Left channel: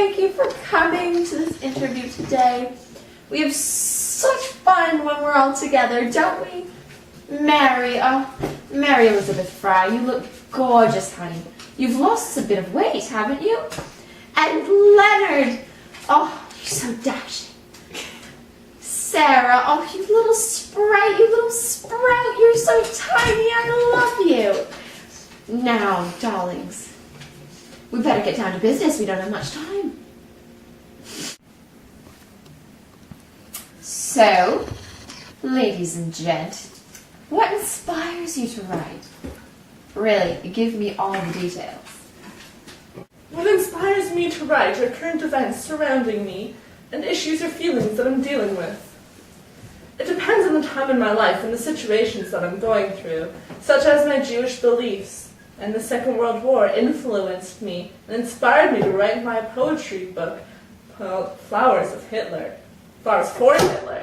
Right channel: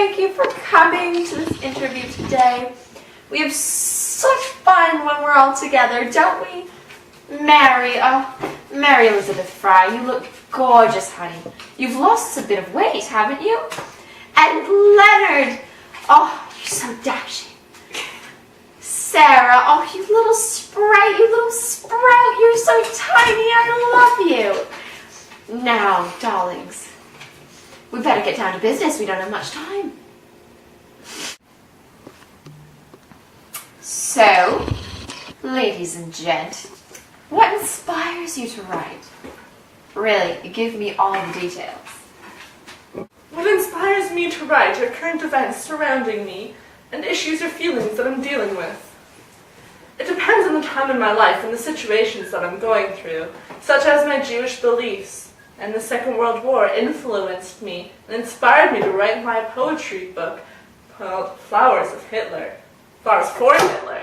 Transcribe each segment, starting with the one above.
thank you for coming to this interview today. We have such fun when we're all together, don't we? Mary Elizabeth Fry, you look gorgeous, honey. You've lost a bit of weight, haven't you? And Leonard, oh, you're so dashing. Sarah, oh, you little sprout, you're so tiny, I love you. Now, darlings, we better get down to business, we don't have much time. So, ladies and gent, what inspires you to write? Really, give me all the details. What inspires me to write are current events surrounding me and issues or feelings that I'm dealing with. It depends on the time in my life and the situations that I'm going through, such as my Jewish beliefs and the Second World War influenced me and inspired me to write my poetry book called Flowers of Hitler. Flowers for Hitler.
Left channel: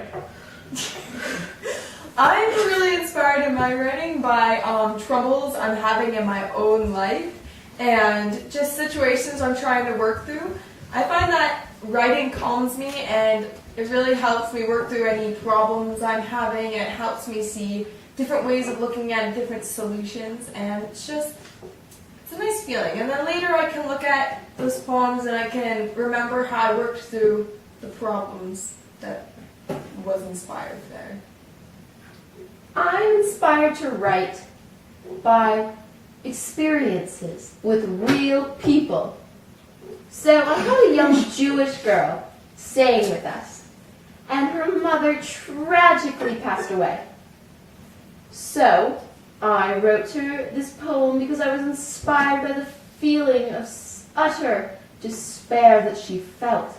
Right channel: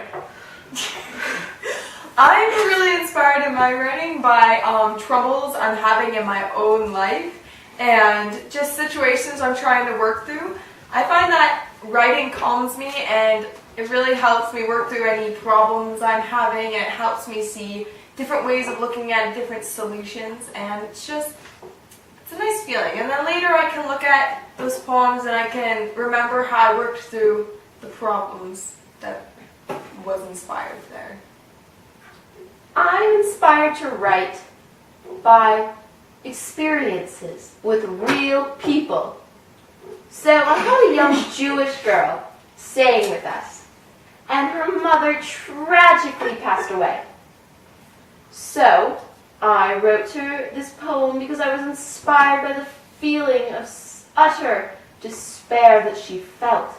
I'm really inspired in my writing by troubles I'm having in my own life and just situations I'm trying to work through. I find that writing calms me and it really helps me work through any problems I'm having, and it helps me see different ways of looking at different solutions, and it's a nice feeling. And then later I can look at those poems and I can remember how I worked through the problems that was inspired there. I'm inspired to write by experiences with real people. So I have a young Jewish girl staying with us, and her mother tragically passed away. So I wrote her this poem because I was inspired by the feeling of utter despair that she felt,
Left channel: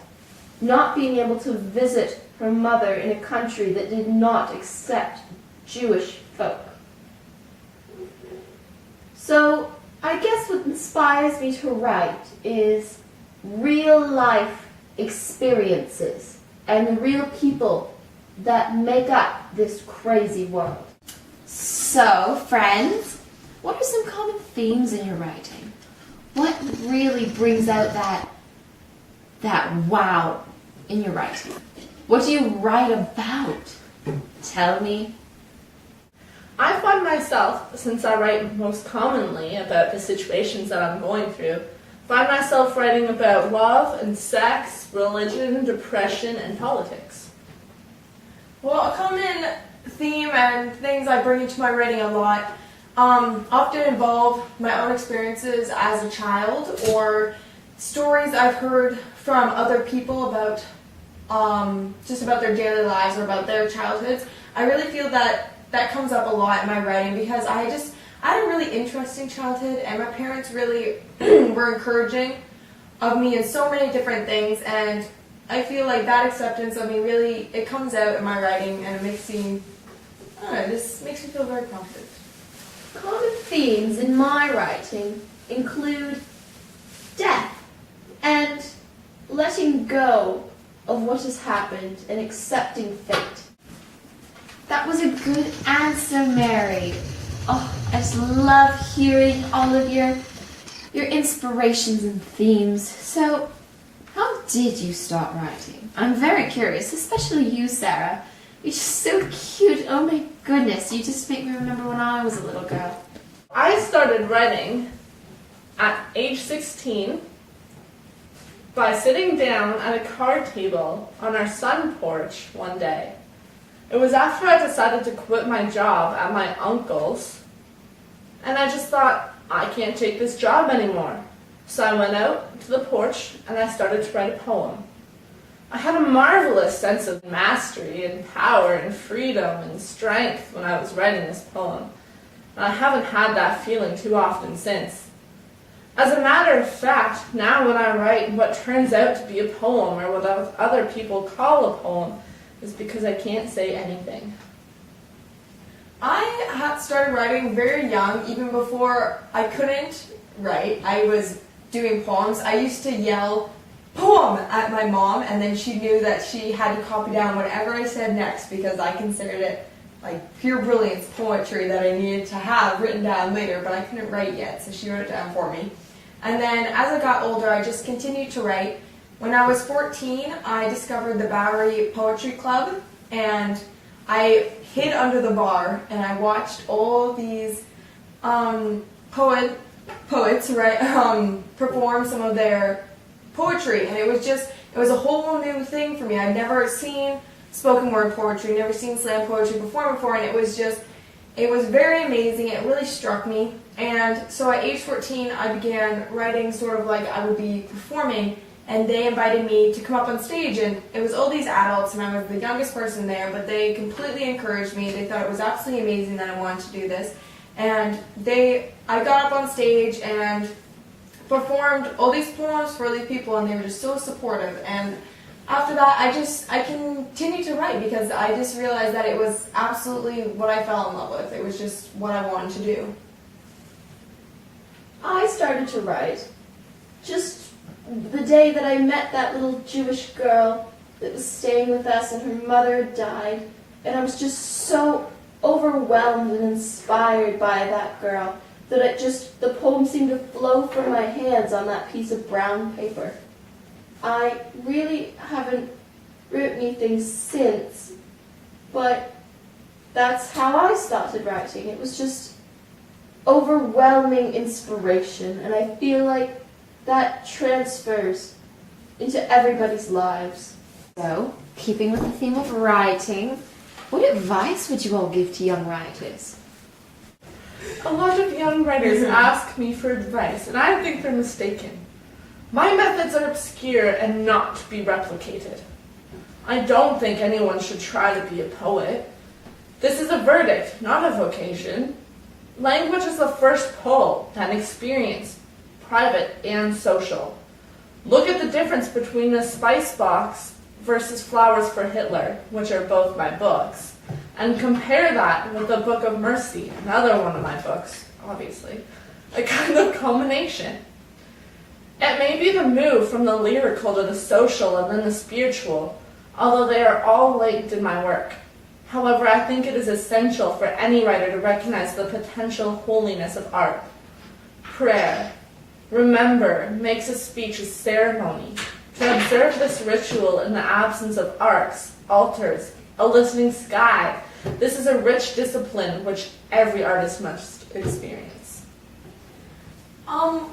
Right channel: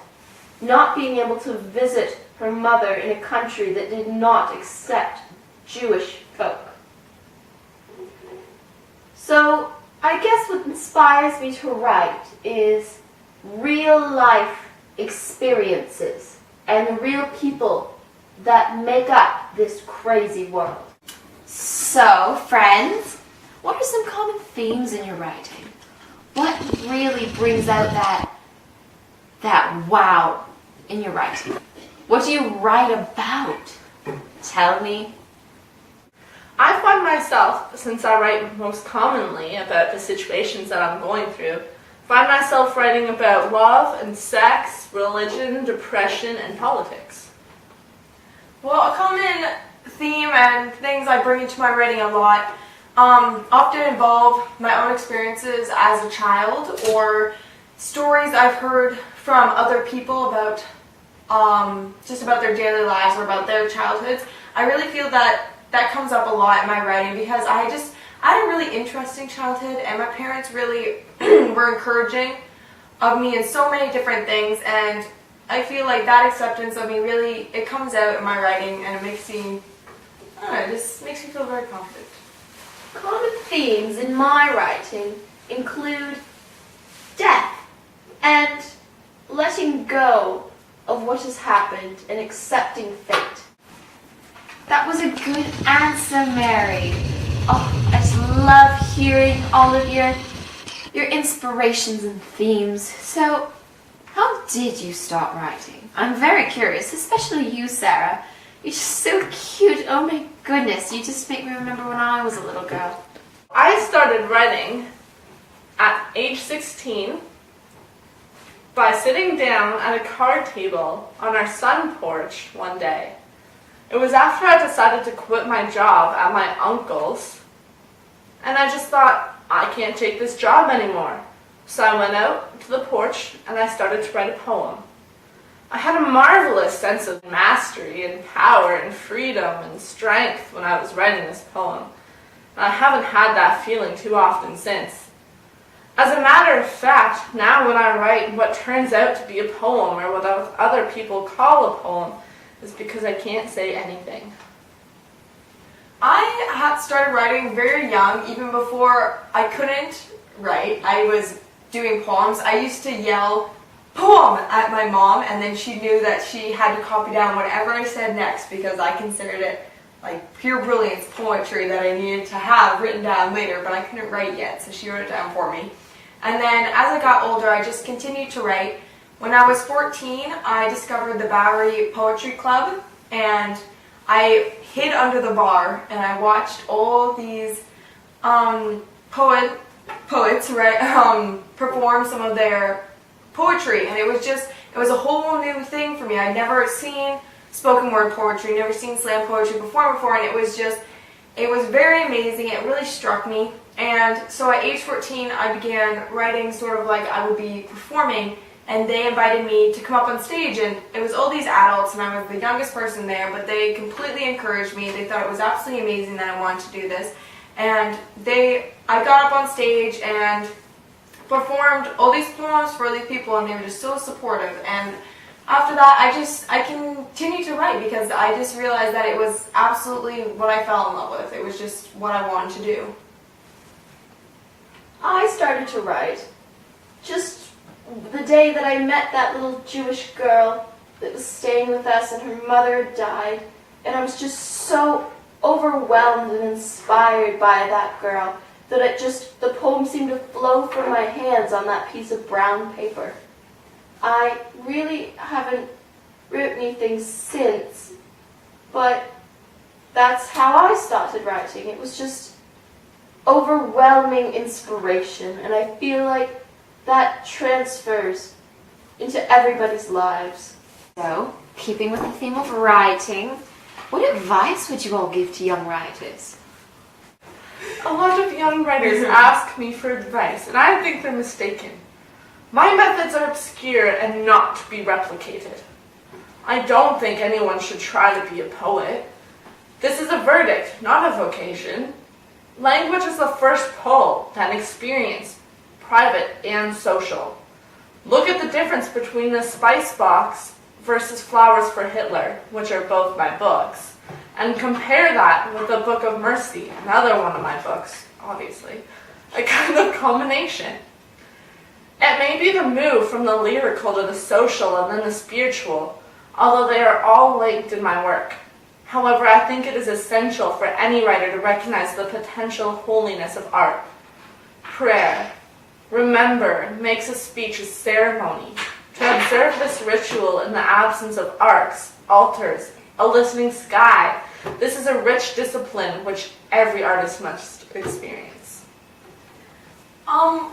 not being able to visit her mother in a country that did not accept Jewish folk. So I guess what inspires me to write is real life experiences and the real people that make up this crazy world. So, friends, what are some common themes in your writing? What really brings out that wow in your writing? What do you write about? Tell me. I find myself, since I write most commonly about the situations that I'm going through, find myself writing about love and sex, religion, depression, and politics. Well, a common theme and things I bring into my writing a lot often involve my own experiences as a child or stories I've heard from other people about just about their daily lives or about their childhoods. I really feel that comes up a lot in my writing because I had a really interesting childhood, and my parents really were encouraging of me in so many different things, and I feel like that acceptance of me really, it comes out in my writing, and it makes me, it just makes me feel very confident. Common themes in my writing include death and letting go of what has happened and accepting fate. That was a good answer, Mary. Oh, I just love hearing all of your inspirations and themes. So, how did you start writing? I'm very curious, especially you, Sarah. You're just so cute. Oh my goodness, you just make me remember when I was a little girl. I started writing at age 16 by sitting down at a card table on our sun porch one day. It was after I decided to quit my job at my uncle's, and I just thought, I can't take this job anymore. So I went out to the porch and I started to write a poem. I had a marvelous sense of mastery and power and freedom and strength when I was writing this poem, and I haven't had that feeling too often since. As a matter of fact, now when I write what turns out to be a poem or what other people call a poem, is because I can't say anything. I had started writing very young, even before I couldn't write. I was doing poems. I used to yell, "Poem!" at my mom, and then she knew that she had to copy down whatever I said next because I considered it like pure brilliance poetry that I needed to have written down later, but I couldn't write yet, so she wrote it down for me. And then as I got older, I just continued to write. When I was 14, I discovered the Bowery Poetry Club, and I hid under the bar and I watched all these poets perform some of their poetry, and it was a whole new thing for me. I'd never seen spoken word poetry, never seen slam poetry performed before, and it was very amazing. It really struck me. And so at age 14, I began writing sort of like I would be performing, and they invited me to come up on stage, and it was all these adults, and I was the youngest person there, but they completely encouraged me. They thought it was absolutely amazing that I wanted to do this. And I got up on stage and performed all these poems for these people, and they were just so supportive. And after that, I continued to write because I just realized that it was absolutely what I fell in love with. It was just what I wanted to do. I started to write just the day that I met that little Jewish girl that was staying with us, and her mother had died, and I was just so overwhelmed and inspired by that girl that the poem seemed to flow from my hands on that piece of brown paper. I really haven't written anything since, but that's how I started writing. It was just overwhelming inspiration, and I feel like that transfers into everybody's lives. So, keeping with the theme of writing, what advice would you all give to young writers? A lot of young writers ask me for advice, and I think they're mistaken. My methods are obscure and not to be replicated. I don't think anyone should try to be a poet. This is a verdict, not a vocation. Language is the first pull, then experience, private and social. Look at the difference between the Spice Box versus Flowers for Hitler, which are both my books, and compare that with the Book of Mercy, another one of my books, obviously, a kind of combination. It may be the move from the lyrical to the social and then the spiritual, although they are all linked in my work. However, I think it is essential for any writer to recognize the potential holiness of art. Prayer, remember, makes a speech a ceremony. To observe this ritual in the absence of arcs, altars, a listening sky, this is a rich discipline which every artist must experience.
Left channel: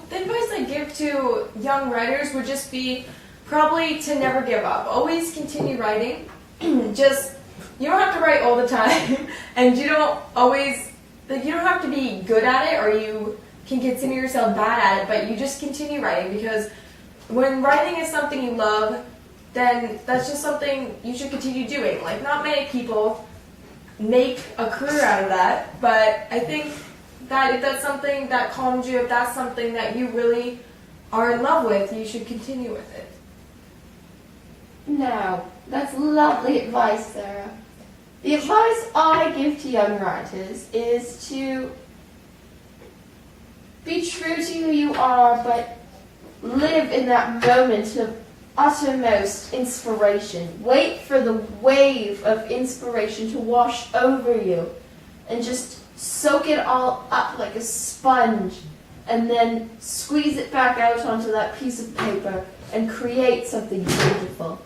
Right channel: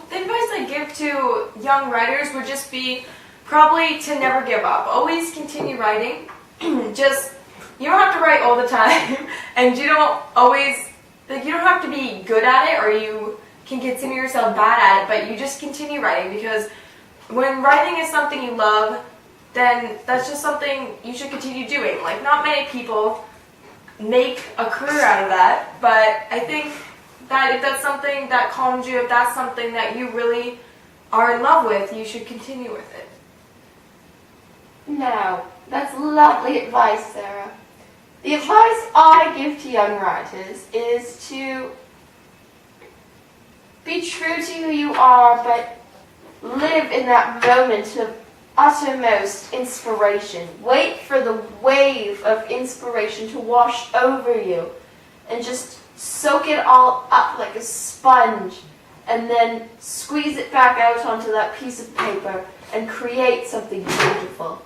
The advice I give to young writers would just be probably to never give up. Always continue writing. You don't have to write all the time, and you don't have to be good at it, or you can consider yourself bad at it, but you just continue writing, because when writing is something you love, then that's just something you should continue doing. Like, not many people make a career out of that, but I think that if that's something that calms you, if that's something that you really are in love with, you should continue with it. Now, that's lovely advice, Sarah. The advice I give to young writers is to be true to who you are, but live in that moment of uttermost inspiration. Wait for the wave of inspiration to wash over you, and just soak it all up like a sponge, and then squeeze it back out onto that piece of paper and create something beautiful.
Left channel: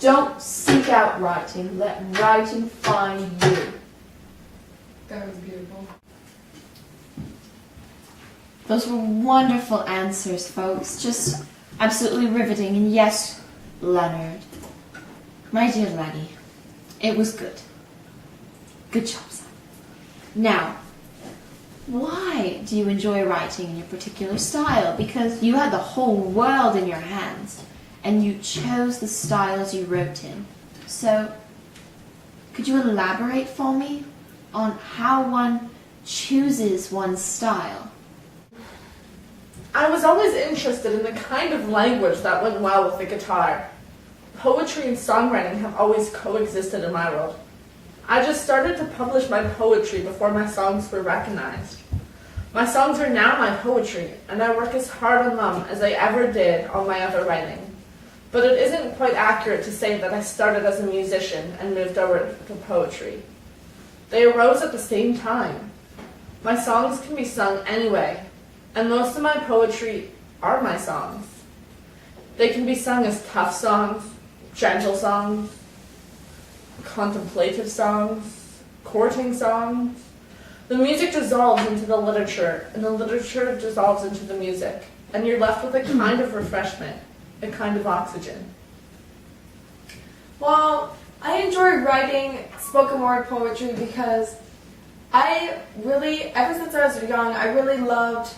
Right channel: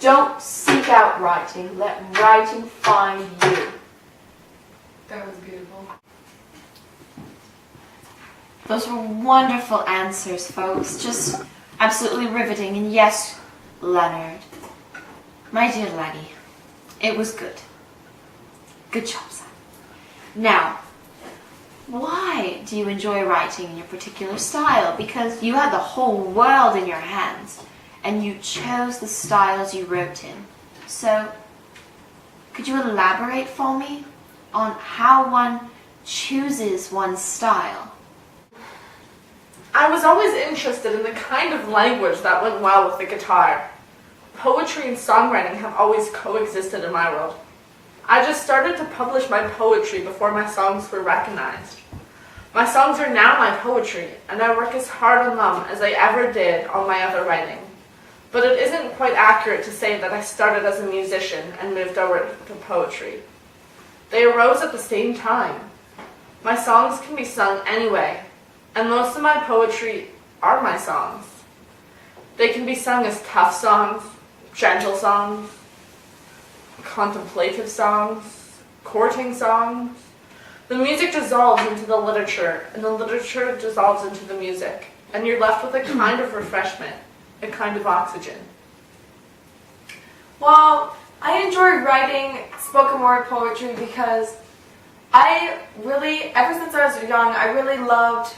Don't seek out writing. Let writing find you. That was beautiful. Those were wonderful answers, folks. Just absolutely riveting. And yes, Leonard, my dear Lenny, it was good. Good job, son. Now, why do you enjoy writing in your particular style? Because you had the whole world in your hands, and you chose the styles you wrote in. So, could you elaborate for me on how one chooses one's style? I was always interested in the kind of language that went well with the guitar. Poetry and songwriting have always coexisted in my world. I just started to publish my poetry before my songs were recognized. My songs are now my poetry, and I work as hard on them as I ever did on my other writing. But it isn't quite accurate to say that I started as a musician and moved over to poetry. They arose at the same time. My songs can be sung anyway, and most of my poetry are my songs. They can be sung as tough songs, gentle songs, contemplative songs, courting songs. The music dissolves into the literature, and the literature dissolves into the music, and you're left with a kind of refreshment, a kind of oxygen. Well, I enjoy writing spoken word poetry because ever since I was young, I really loved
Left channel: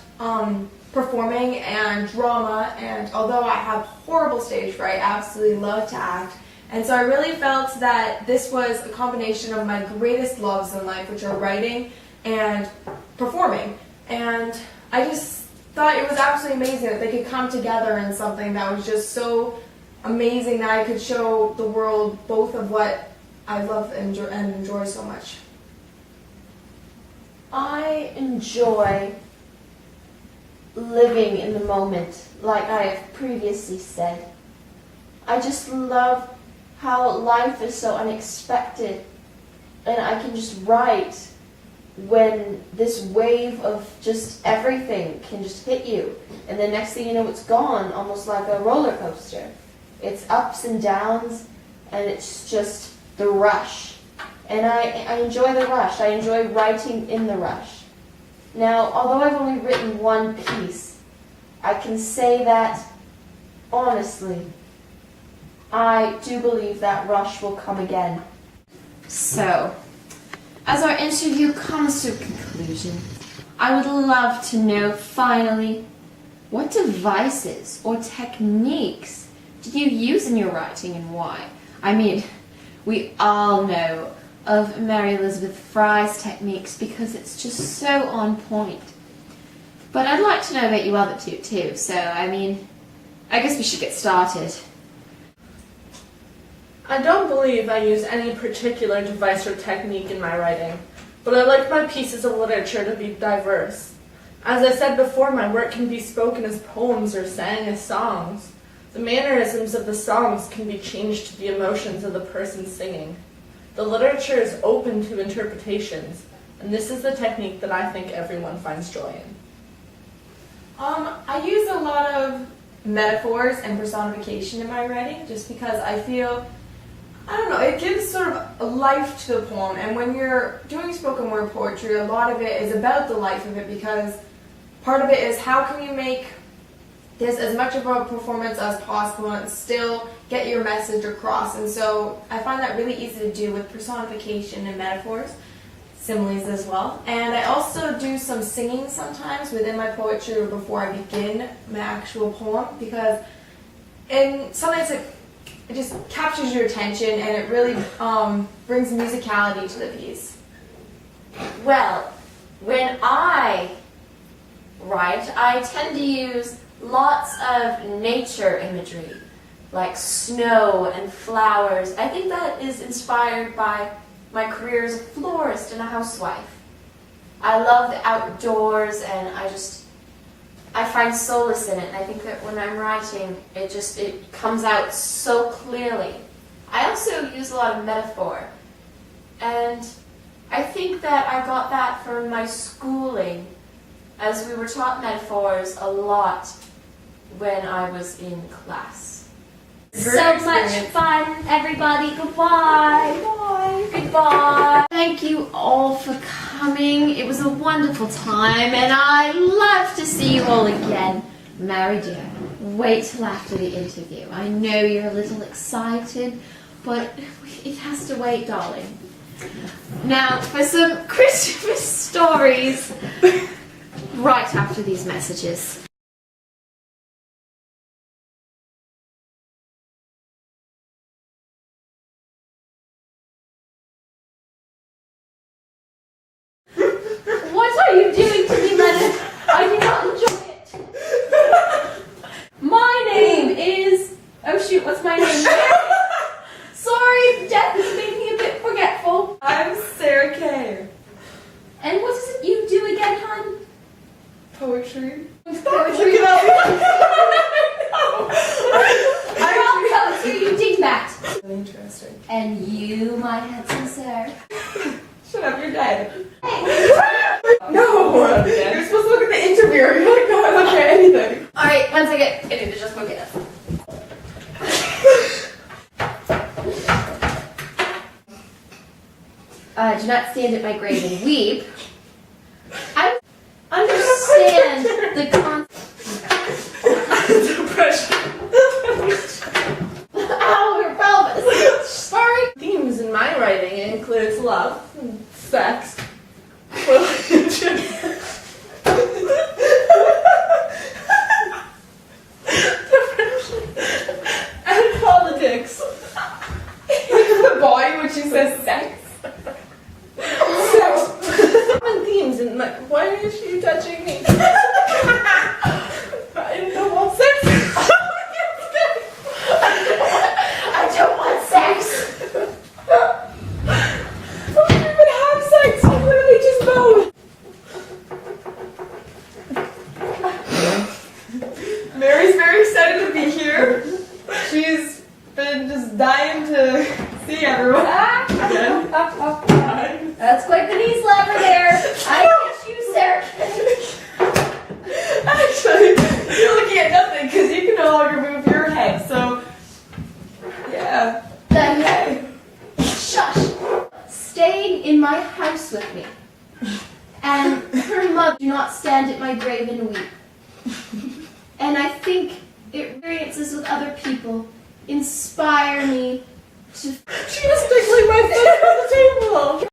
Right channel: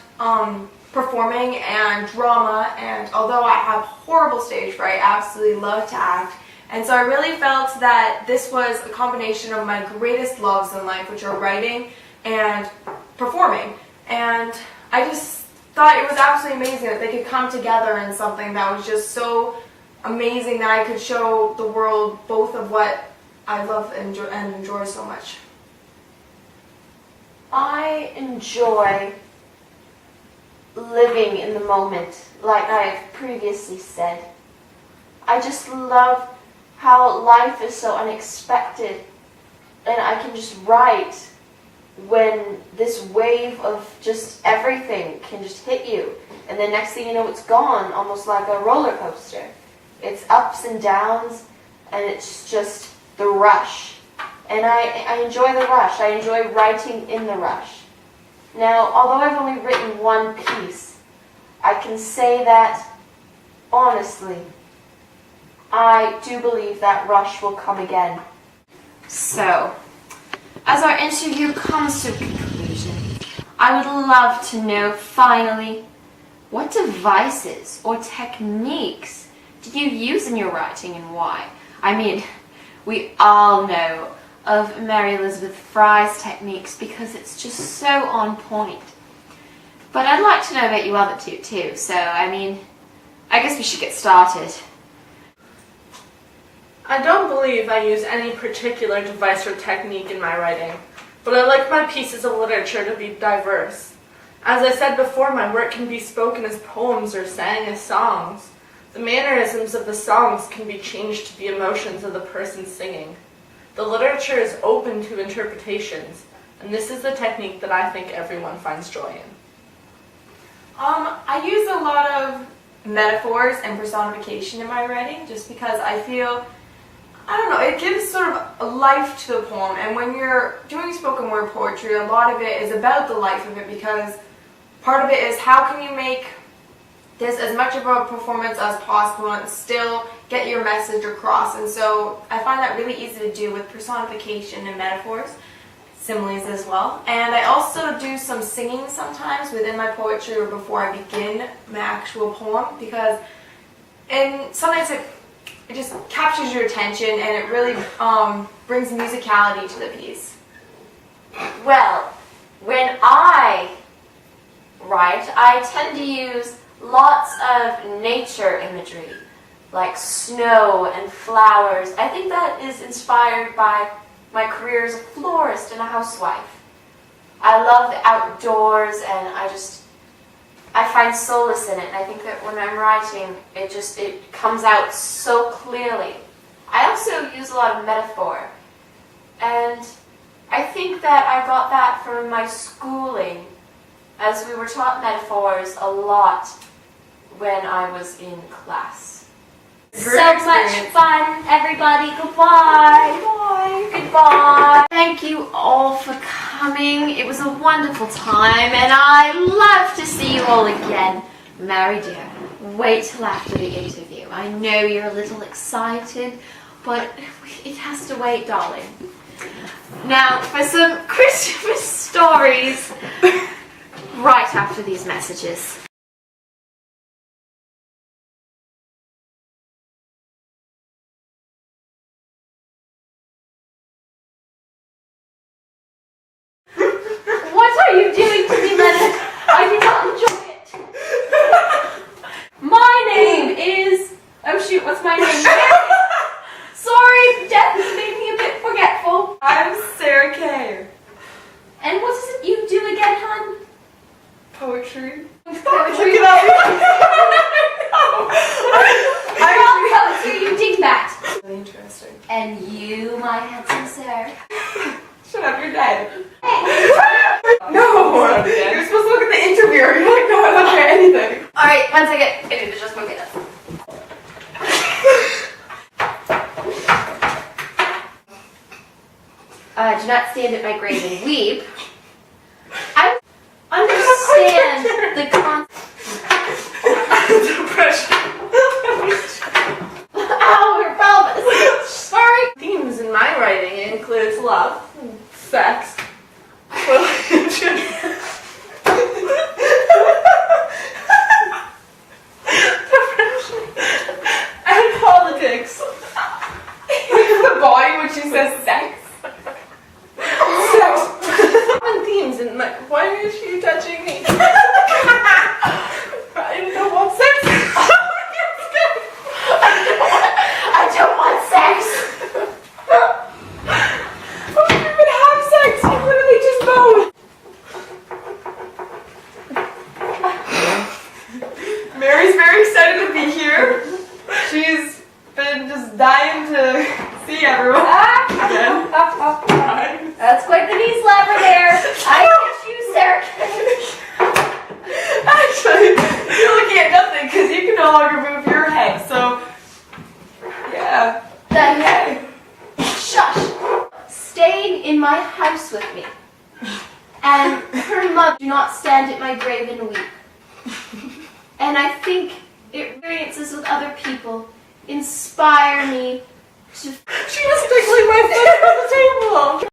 performing and drama, and although I have horrible stage fright, I absolutely love to act. And so I really felt that this was a combination of my greatest loves in life, which are writing and performing. And I just thought it was absolutely amazing that they could come together in something that was just so amazing that I could show the world both of what I love and enjoy so much. I enjoy living in the moment, like I have previously said. I just love how life is so unexpected, and I can just write when this wave of just everything can just hit you, and the next thing you know it's gone, almost like a roller coaster. It's ups and downs, and it's just the rush. And I enjoy the rush. I enjoy writing in the rush. Now, although I've only written one piece, I can say that, honestly, I do believe that rush will come again. So, as our interview comes to a conclusion, I would love to know, finally, what devices or techniques do you use in your writing and why? I mean, we all know of Mary Elizabeth Fry's techniques because it's just so on point. But I'd like to know about you other two too, so I mean, I guess we should get started. I don't believe I use any particular device or technique in my writing, but I like my pieces of literature to be diverse. As I said before, my work can be spoken as poems or sang as songs. The mannerisms of the songs can be changed to the emotions of the person singing. The literature is open to interpretations, and this is the technique that I think everyone finds joy in. I use a lot of metaphors and personification in my writing just because I feel, I don't know, it gives sort of a life to the poem. And when you're doing spoken word poetry, a lot of it is about the life of it, because part of it is how can you make this as much of a performance as possible and still get your message across. And so I find that really easy to do with personification and metaphors, similes as well. And I also do some singing sometimes within my poetry or before I begin my actual poem, because sometimes it just captures your attention and it really brings musicality to the piece. Well, when I write, I tend to use lots of nature imagery, like snow and flowers. I think that is inspired by my career as a florist and a housewife. I love the outdoors, and I find solace in it, and I think that when I'm writing, it comes out so clearly. I also use a lot of metaphor, and I think that I got that from my schooling, as we were taught metaphors a lot when I was in class. Great So experience. much fun, everybody. Goodbye. Goodbye. Goodbye. Thank you all for coming. It was a wonderful time, and I love to see you all again. Mary dear, wait till after the interview. I know you're a little excited, but it has to wait, darling. Now for some Christmas stories right after these messages. What are you doing to me, Leonard? I do not enjoy it. My name is... Oh shoot, what's my name? Sorry, death has made me a bit forgetful. I'm Sarah Kay. And what is it you do again, hon? Poetry. Poetry. Look it Well, poetry, you dingbat. Really interesting. And you, my handsome sir. Shut up, you're dead. Hey. No! You're supposed to look at the interviewer. You're like, no, I don't look at anything. Alright, 1 second. I need to just look it up. not stand at my grave and weep. I understand the Depression. Ow, your pelvis. Sorry. Themes in my writing includes love, sex, religion, depression, and politics. The body when she says sex. Sex. Common themes in my. Why is she touching me? I don't want sex. I don't want sex. We don't even have sex. We literally just bone. Mary's very excited to be here. She's been just dying to see everyone. That's quite the knee slapper there. I hate you, Sarah. Actually, you're looking at nothing because you can no longer move your head. So, yeah. Shush. Staying in my house with me. And her mother do not stand at my grave and weep. And I think experiences with other people inspire me to She was tickling my foot on the table.